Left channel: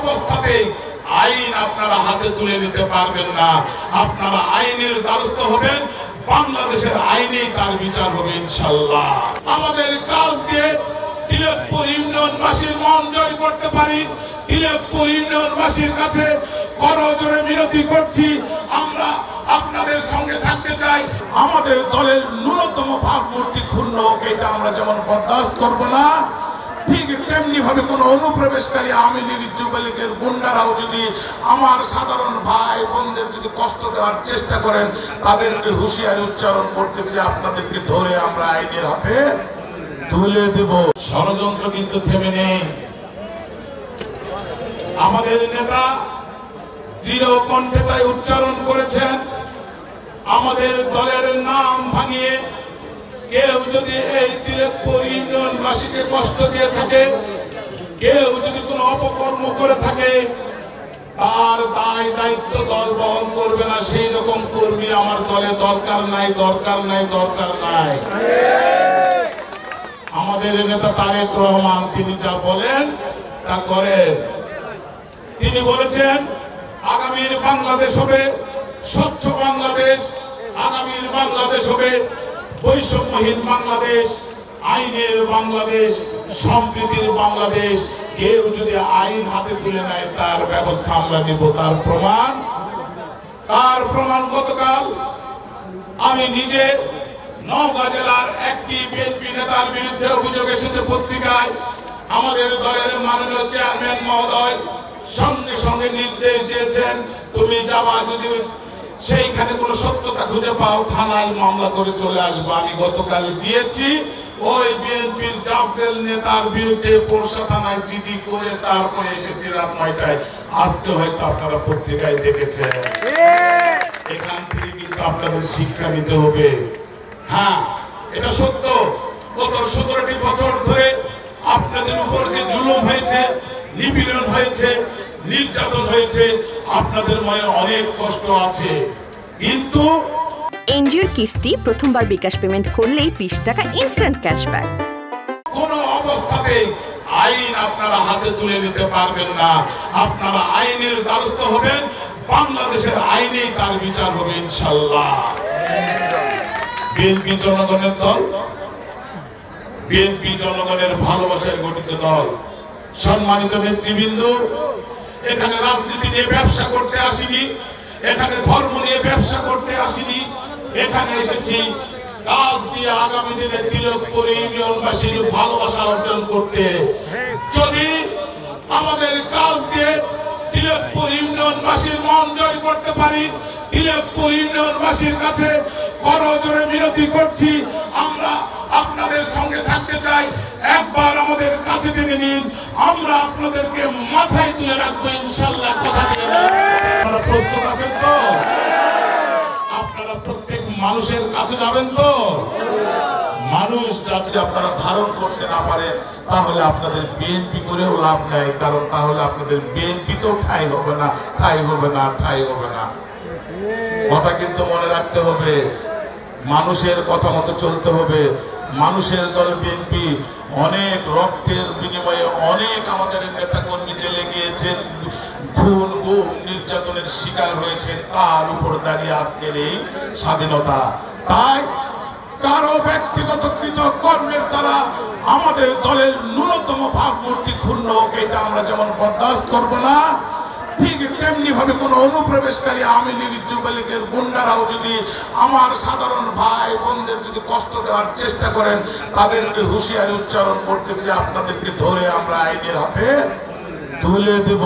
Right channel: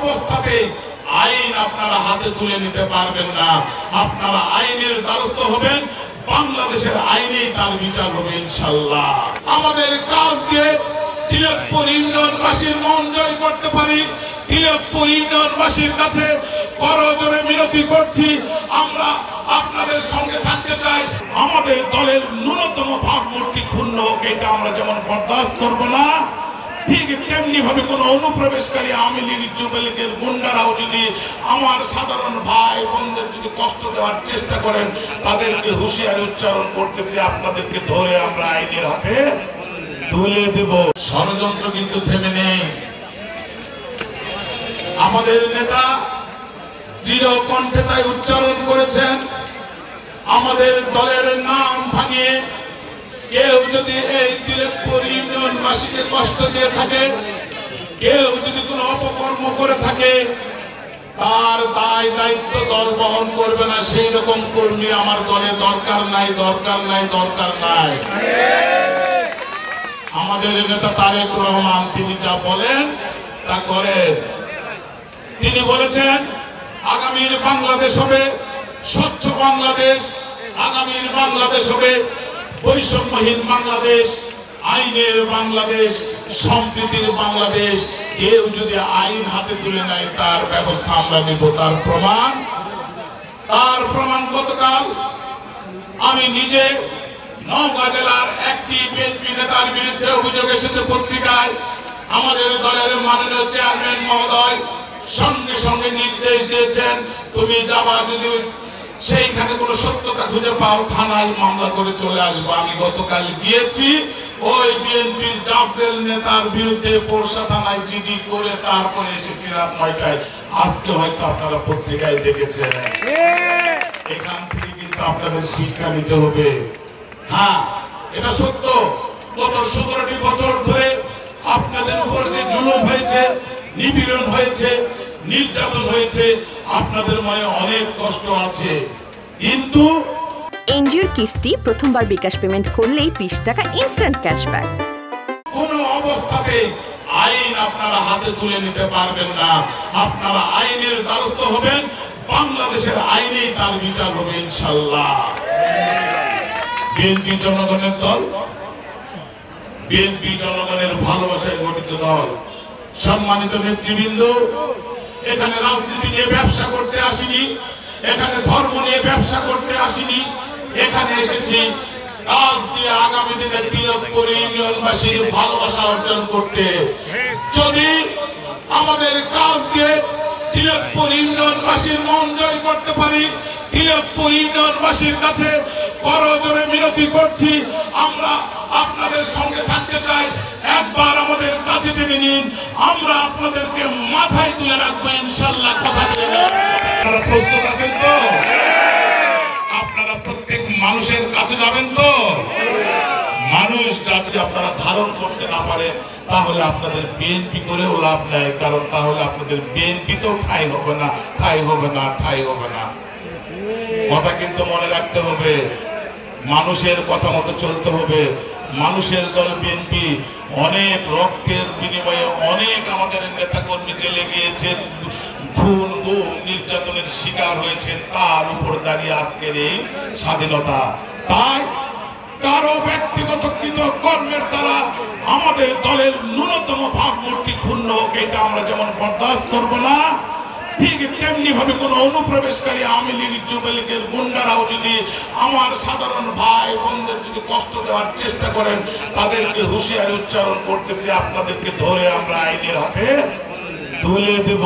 অবস্থাতেই আইন আপনারা হাতে তুলে নিতে পারবেন না। আপনারা আইনের দ্বারস্থ হবেন, বাংলাদেশের আইনেই তার বিচার হবে ইনশাআল্লাহ। আমাদের কাজ দিয়ে তিলকপুর ইউনিয়নবাসীর মন জয় করতে পারি। তিলকপুর ইউনিয়নবাসীর কাছে করজোড়ে মিনতি করছি, আমরা আপনাদের সঙ্গে থাকতে চাই। আমাদের দলের ন্যূনতম ভাবমূর্তি ক্ষুণ্ণ হোক, এটা আমরা যেমন বরদাস্ত করবো না, ঠিক তেমনি ভাবে কোন অনুপ্রবেশকারী আওয়ামী লীগ যুবলীগের গুন্ডারাও যদি আমার সাধারণ ভাই বোনদের যদি কষ্ট দেওয়ার চেষ্টা করেন, তাদেরকে হুঁশিয়ারি উচ্চারণ করতেছে, আপনাদেরকে ধরে আমরা আইনের হাতে তুলে দেব। ষড়যন্ত্র কিন্তু থেমে নেই। আমাদের নেতা দৃঢ় কণ্ঠে তাই উচ্চারণ করেছেন, আমাদের দলের নাম ভাঙিয়ে কেউ যদি এই তিলকপুর ইউনিয়নবাসীকে কষ্ট দিয়ে থাকে, কেউ যদি কোনো অপকর্ম করে থাকে, তার দায় দায়িত্ব দল বহন করবে না। সেই রকম কর্মী আমার দলে দরকার নাই, দরকার নাই, দরকার নাই। আমাদের নেতা তারেক রহমান তিনি যা বলেন তা করেন। তিনি বলেছেন আগামীর বাংলাদেশ হবে স্বচ্ছ বাংলাদেশ, আগামীর বাংলাদেশ হবে বৈষম্যহীন বাংলাদেশ, আইনের বাংলাদেশ, সম্প্রীতির বাংলাদেশ। কেউ যদি আইন হাতে তুলে নেয় তার ব্যবস্থা আমরা নিব। তার প্রমাণ গতকাল আমি নিজে নওগাঁ জেলার একটি বিএনপি নেতার বিরুদ্ধে অভিযোগ এসেছে পত্রিকায়। আমাদের দলের মাননীয় চেয়ারম্যান মহোদয় সঙ্গে সঙ্গে নির্দেশ দিয়েছেন, তুমি যাবা, যদি সেইখানে কোনো সত্যতা খুঁজে পাও থানায় মামলা করে চলে আসবো। আমি গতকাল গিয়েছি, ওই বিএনপির জাফরেল নেতার বিরুদ্ধে পোরশা থানায় জিডি করে তারপরে এসেছি রাত 9টায়। আজকে হয়তো আপনারা পত্রিকায় দেখেছেন। এখান থেকে কিন্তু আপনাদের শিক্ষা নিতে হবে। হ্যাঁ, এটা সত্য, গত 17টি বছর ধরে আপনাদের উপর যে জুলুম হয়েছে, নিপীড়ন হয়েছে, নির্যাতন হয়েছে, আপনাদের মনে অনেক কষ্ট আছে। কিন্তু এনজিওর কিস্তি প্রথমবার বিকাশ পেমেন্ট করলেই 20 টাকা ইনস্ট্যান্ট ক্যাশব্যাক। কোন অবস্থাতেই আইন আপনারা হাতে তুলে নিতে পারবেন না। আপনারা আইনের দ্বারস্থ হবেন, বাংলাদেশের আইনেই তার বিচার হবে ইনশাআল্লাহ। বিএনপি জনগণের দল, বিএনপি জনগণের ভালোবাসায় গঠিত দল। সম্মানিত নেতৃবৃন্দ, এখানে রাজনীতি নিয়ে ব্যবসা করতে আসিনি, এখানে ধর্ম নিয়ে ব্যবসা করতে আসিনি। এখানে এসেছি কাজ দিয়ে আগামী দিনে তিলকপুর ইউনিয়নবাসীর ভালোবাসা অর্জন করতে। যদি আমাদের কাজ দিয়ে তিলকপুর ইউনিয়নবাসীর মন জয় করতে পারি, তিলকপুর ইউনিয়নবাসীর কাছে করজোড়ে মিনতি করছি, আমরা আপনাদের সঙ্গে থাকতে চাই। একবার আমাদের কাছে টেনে নিন, আমরা আপনাদেরকে মাথায় তুলে রাখবো ইনশাআল্লাহ। কথা দিয়ে আপনারা প্রস্তুত আছেন তো? আপনারা প্রত্যেক মানুষের কাছে যাবেন তো? মানুষ যাতে আপনারা ধারণ করতে না পারেন, তাহলে আপনাদের বিএনপি করেও লাভ নাই। কারণ তাহলে আপনাদের বিএনপি তো ঠাই হবে না, ঠাই হবে না, ঠাই হবে না। কথা কিন্তু মনে রাখতে হবে, মানুষের কথা মতো চলতে হবে। মানুষের দল বিএনপি অনেক রক্তের বিনিময়ে অনেক আমাদের নেতা কর্মী জেলে গিয়েছেন, খুন গুম নির্যাতনের শিকার হয়েছেন, তার উপর দাঁড়িয়ে আজকের এই স্বাধীনতা। তাই কারো ব্যক্তিগত কর্মের দ্বারা আমাদের দলের ন্যূনতম ভাবমূর্তি ক্ষুণ্ণ হোক, এটা আমরা যেমন বরদাস্ত করবো না, ঠিক তেমনি ভাবে কোন অনুপ্রবেশকারী আওয়ামী লীগ যুবলীগের গুন্ডারাও যদি আমার সাধারণ ভাই বোনদের যদি কষ্ট দেওয়ার চেষ্টা করেন, তাদেরকে হুঁশিয়ারি উচ্চারণ করতেছে, আপনাদেরকে ধরে আমরা আইনের হাতে তুলে দেব।